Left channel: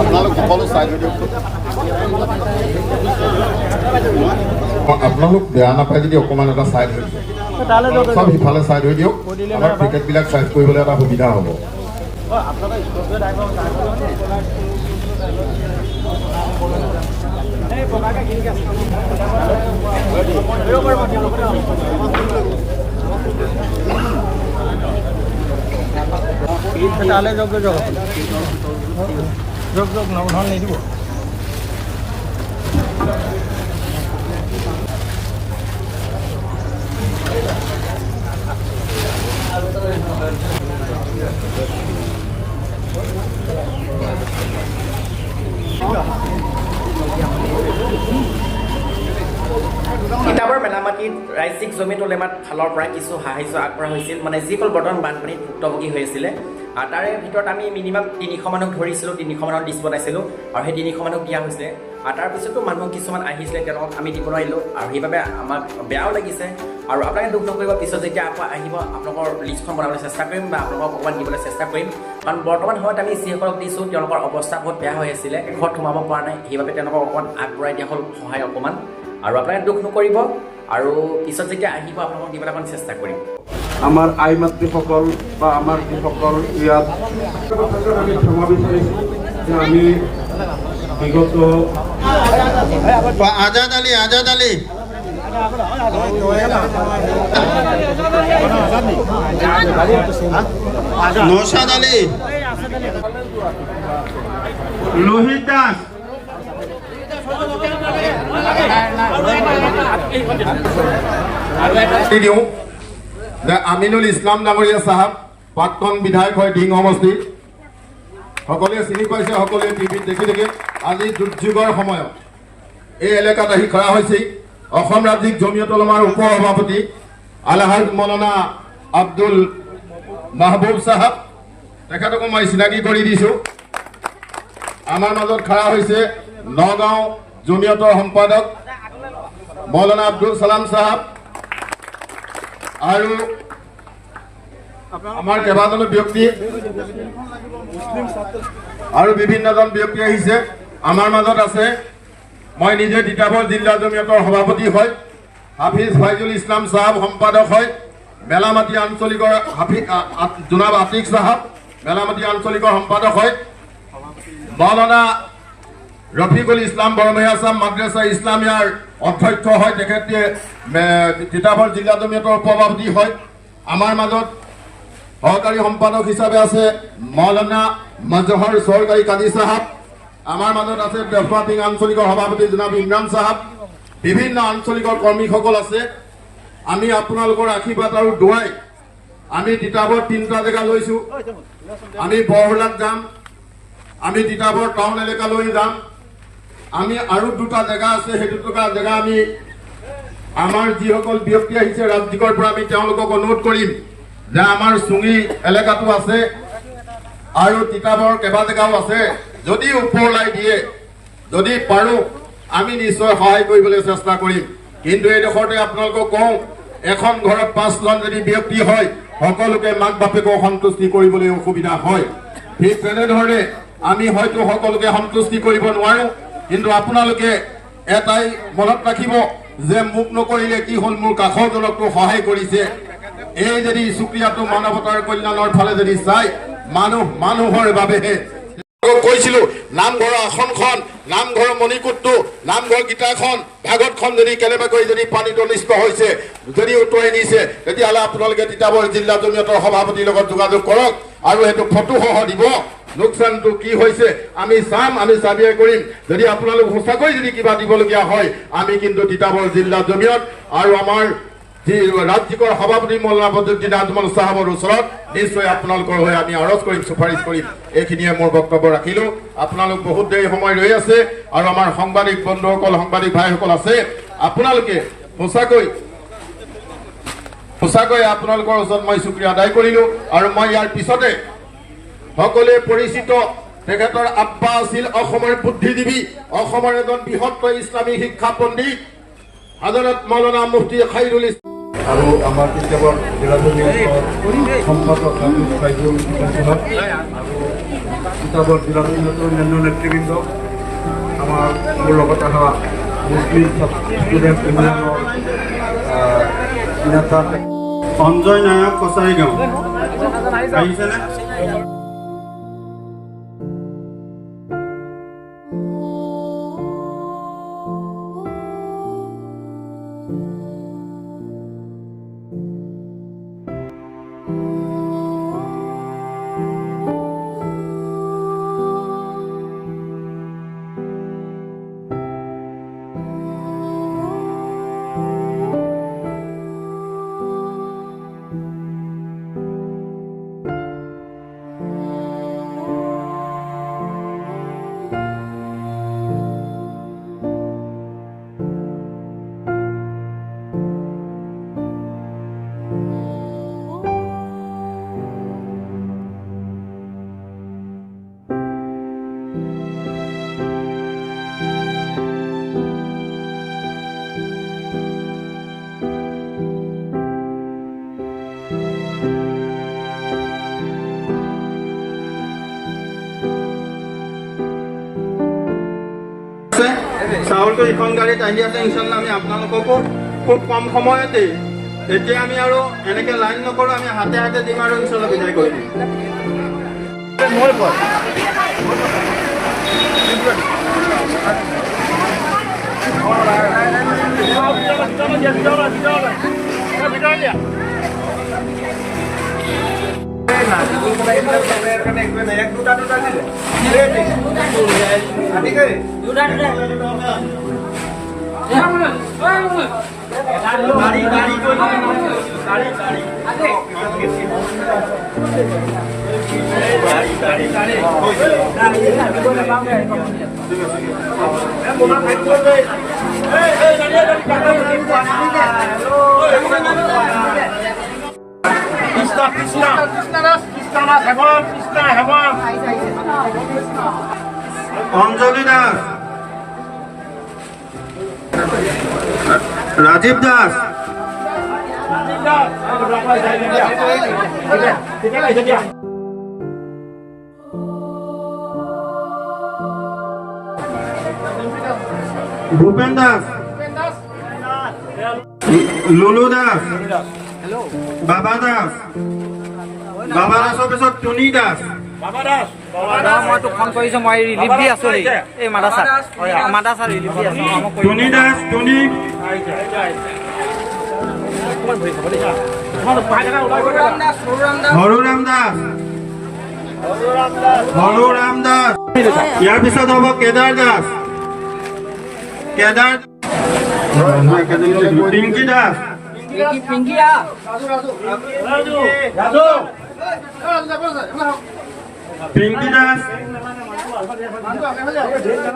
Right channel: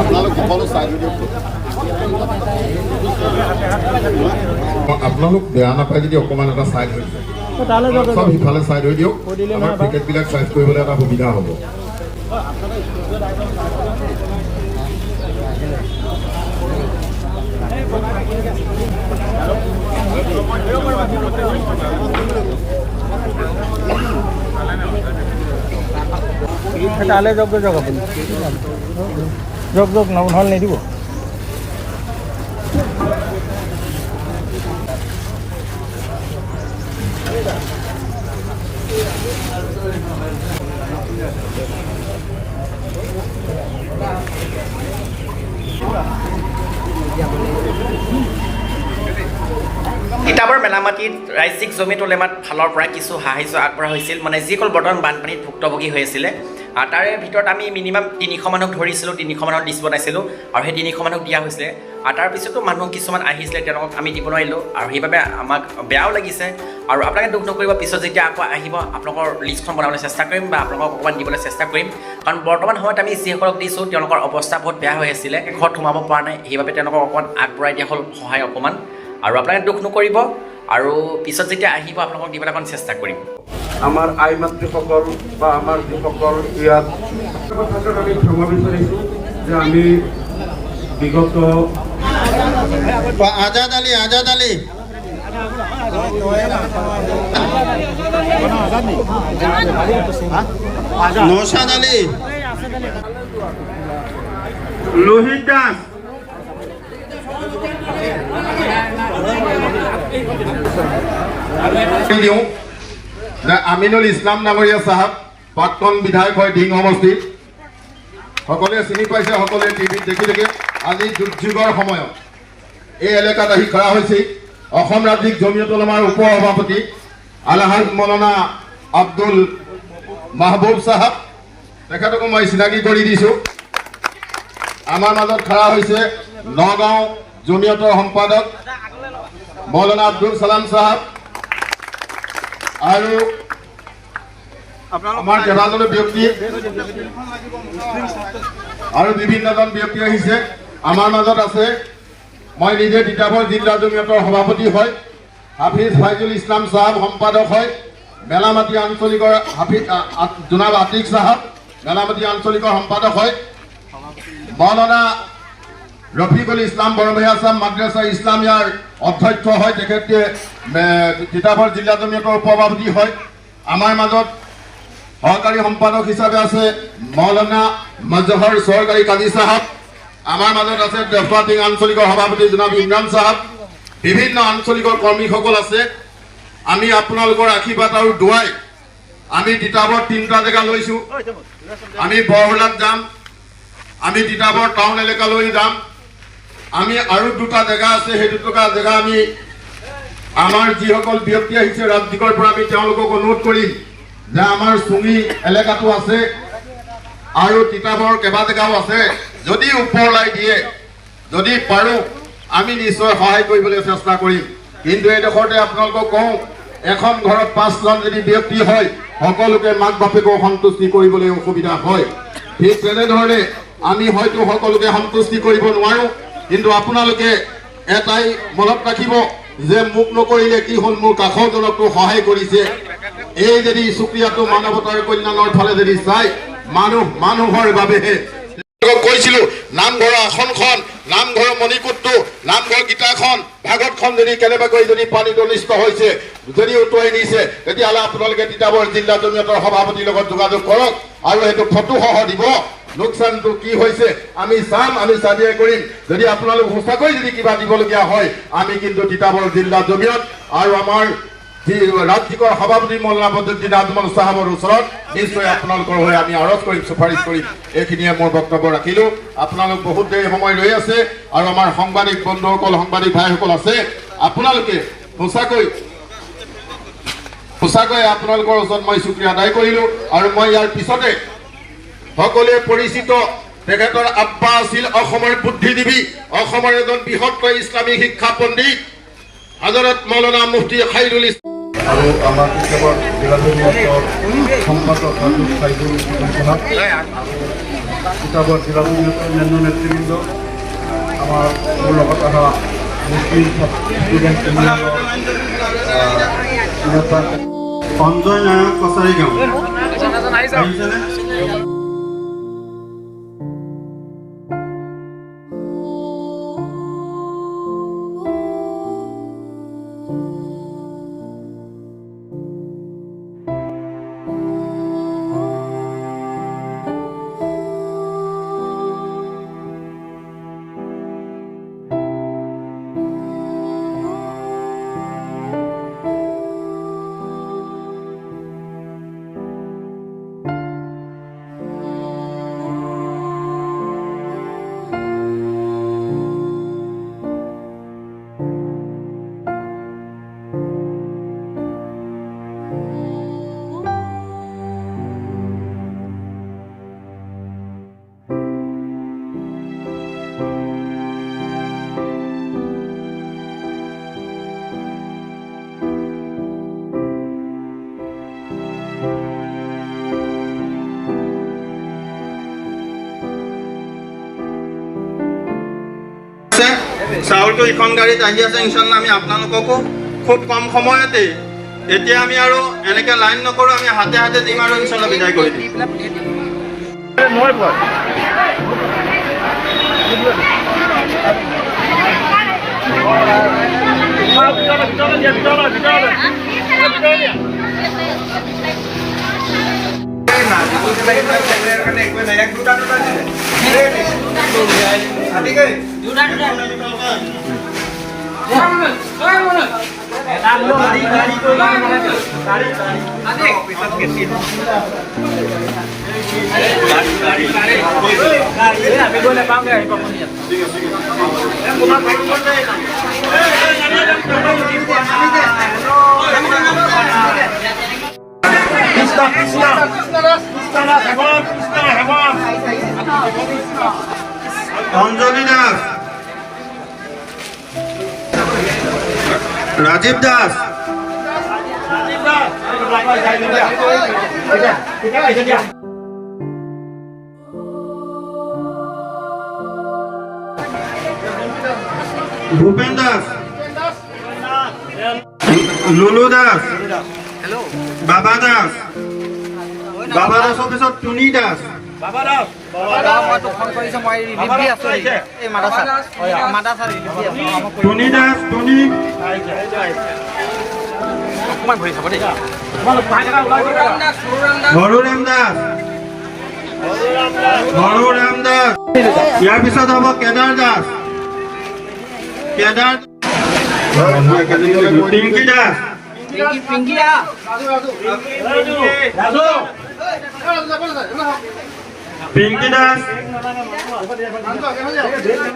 আপোনালোক সকলো চাই দিয়ক। আপোনালোক বেয়া নাপায় যদি অকণমান এটা চাই ধৰি সব সিফালে চাই ধৰি দিয়ক। আমাৰ টিকেটবিলাক চাইজ কৰিবলৈ এটা সুবিধা হ'ব। তিতাবৰ মেলামাটিত ৰাজ্যিক জমিতোলেমাত ফালৰ পৰা কিছু সাহায্য আগবঢ়া হৈছিল, মানে যিসকল বৰ্তমান বানপানীত ভুক্তভোগী হৈ আছিলে। তাৰে ভিতৰত আমি মিনিমাম 300 মানুহক ধৰিছিলোঁ, 300 মানুহৰ লিষ্ট বনাইছিলোঁ আৰু সেই 300 মানুহক দিয়া হৈছিলে। আৰু তাৰপিছতো মানুহ কিছুমান আহিছিলে, তেওঁলোকক আমি দিব নোৱাৰিলোঁ আৰু সেইবাবে আমাক বেয়াও লাগিছে। আৰু আপোনালোকে দুখ নকৰিব, পিছত যেতিয়া আকৌ আহিব আপোনালোকৰ লিষ্টখন বনাবলৈ চেষ্টা কৰিম বা আপোনালোকক অকণমান দিবলৈ চেষ্টা কৰিম। কাৰণ বৰ্তমান সময়ত আমি যিসকলক দিছোঁ তেওঁলোকৰ অৱস্থা বহুত বেয়া হৈ আছিলে, ঘৰত সোমাব পৰা নাই, সেইবাবে তেওঁলোকক অকণমান আগবঢ়াই দিয়া হ'ল সহায় অকণমান। আৰু আপোনালোকে দুখ নকৰিব আৰু পিছত যেতিয়া আহিব আপোনালোকক দিবলৈ অকণ চেষ্টা কৰিম। আমাৰ আই মাতৃসকল বা আমাৰ যিসকল ইয়াত ক্ষমা বিচাৰিছোঁ যে আমি বিগত আজাদ আলী নৌশাদ আলী লোহিত দাস আমিনুল ইছলাম ডাঙৰীয়া চাহাব, প্ৰাক্তন বিধায়ক হয় ঢিং সমষ্টিত। সকলোৱে চিনি পাইছে, সকলোৱে টিভিত দেখি দেখি। আজি দুৰ্যোগৰ সময়ত এই এলেকাত আহি খৰা হৈছে অসম ৰাজ্যিক জমিয়ত উলামাৰ উপ সভাপতি আলহাজ মৌলানা আব্দুল মাহবুব চাহাব, তেখেতকো মই চিনাকি কৰি দিছোঁ। আমাৰ মাজত খৰা হৈছে নগাঁও জমিয়তৰ সম্পাদক মৌলানা আব্দুল সালাম চাহাব আৰু আমাৰ কেইবাজনো ব্যক্তি আৰু বিভিন্নজন ব্যক্তি আহিছে। আমাৰ মাজত আছে, মই নিজে তিতাবৰ জিলা জমিয়তৰ সভাপতি হয়, হাফিজ ফাইজুল ইছলাম চাহাব সম্পাদক হয়, মেলামাটি আঞ্চলিকৰ জোনাব আতিক চাহাব মেলামাটি আঞ্চলিকৰ সম্পাদক হয়, মৌলানা ৰফিকুল ইছলাম বৰভূঞা চাহাব মাদ্ৰাছা ইছলামিয়াৰ অধ্যক্ষ হয়, তেখেতে তিতাবৰ জিলা জমিয়তৰ উপসভাপতি হয়। আমাৰ মাজত সহকাৰী সম্পাদক হিচাপে আছে মৌলানা মজহৰ চৰকাৰী কাজী চাহাব। আমাৰ মাজত আছে দেফাটিং আঞ্চলিকৰ সভাপতি জনাব ইমৰান চাহাব। বিভিন্ন আঞ্চলিকৰ কৰ্মীসকল আছে। আমি আপোনালোকৰ আশীৰ্বাদ আৰু দুৱাই আমি তিতাবৰ 3টা জেগা লৈছোঁ। আমি বৰহোলাত যাম, আমি তিতাবৰ টাউন এলেকালৈ যাম, আমি আৰু 2টা জেগা আছে, সেই 2টা জেগা আমি আমাৰ যিসকল ব্যক্তি আহিছে ৰাজ্যিকৰ পৰা আমি তেওঁলোকক অনুৰোধ কৰিম যে আমাৰ চুঙি এলেকাটো আছে আৰু তিতাবৰ কেইবা জেগাও আছে, যদি ওপৰলাই দিয়ে, যদি পাৰোঁ আমি নিশ্চয় সহায় কৰিবলৈ চেষ্টা কৰিম। কিন্তু এইডোখৰতে আপোনালোকক কওঁ, এখন ঘৰত 5জন যদি ব্যক্তি হয়, সকলোকে মাক বাপেকক সন্তুষ্টি কৰিবলৈ অসুবিধা হয়। ঠিক তেনেধৰণে আমি হয়তো সকলোকে সন্তুষ্টি কৰিব নোৱাৰোঁ, কিন্তু আপোনালোকে এটাই মনত ৰাখিব যে মোক নকৰিলে কি হ'ল, মোৰ কাষৰজনকতো সহায় কৰিছে। এই যদি চুক্ৰিয়াটো মানৱতাৰ কল্যাণৰ ফালে যদি চাই, মানুহৰ বাবেহে কৈছিলো। নামঘৰৰ আসনখন, নামঘৰৰ মণিকূটটো, নামঘৰ গীতাখন, ভাগৱতখন যদি কেনেবাকৈ যদি পানীত অনিষ্ট হৈছে, যদি উটুৱাই নিছে, তেতিয়াহ'লে আপোনালোকে তিতাবৰ জিলা জমিয়তৰ সভাপতিৰ লগত যোগাযোগ কৰক আৰু সেইটো ফটোসহ দিব। লোকচানটো কি হৈছে আমি চাম, আমি চাবিয়াই কৰিম। যদি আপোনালোক সঁচাকৈ যদি কিবা দিবলগীয়া হয়, আমি কিন্তু তিতাবৰ জিলা জমিয়ত আৰু আমাৰ যি ৰাজ্যিকৰ সভাপতি মৌলানা বদৰুদ্দিন আজমল চাহাবৰ ওচৰত নিশ্চয় আপোনালোকৰ হৈ আমি আৰজ কৰিম, চুপাৰিশ কৰিম। এইখিনিয়ে মোৰ বক্তব্য ৰাখিলোঁ। আপোনালোক বহুত দেৰি সময় ৰৈ আছে আৰু আমাৰ সাংবাদিক বন্ধুসকল, সাংবাদিক ভাইসকল আছে, আপোনালোকে সঁচাকৈ আপোনালোকৰ ওচৰত মই শুক্ৰিয়া আদায় কৰিলোঁ। আৰু মই ইয়াৰ পিছতে সকলোৱে পৰিচিত, তেখেতৰ আব্বা আছিল অসমৰ বুদ্ধিজীৱী, অসমৰ এজন বৃহত্তৰ ইছলামী শিক্ষা পণ্ডিত হযৰত মৌলানা মুফতি খাইৰুল ইছলাম আৰু আমাৰ তিতাবৰ জিলা জমিয়তৰ সম্পাদক হাফিজ ফাইজুল ইছলাম চাহাব আৰু তিতাবৰ জিলা পঞ্চায়তৰ অন্যান্য নেতৃবৃন্দ, আমাৰ মোৰ লগত অহা মুছলিম ষ্টুডেণ্ট ইউনিয়নৰ নেতা সঞ্জয় নায়ক কছাৰী গাঁও আহিছেনে? চাউলটো ইখন গাড়ীত আহি আছে। ইনশাল্লাহ আমি আপোনালোককো খুব কম সময়তে, এতিয়া আমি আৰু এনেকৈ লাইন নকৰোঁ, আমি হাতে হাতে দিম আৰু ইনশাল্লাহ বিদায় কৰি দিম। অঞ্জলি দাস, ৰাজীব দাস, ভূপেন দাস, লুলু দাস, বাবা দাস, বাবা দাসৰ পিছত টুনি দাস, টুনি দাস, টুনি হৰুৰাম দাস, হৰুৰাম দাস, ইয়াৰ পিছত হ'ব কেদাৰ দাস, কেদাৰ পিংকি দাস, পিংকি দাস।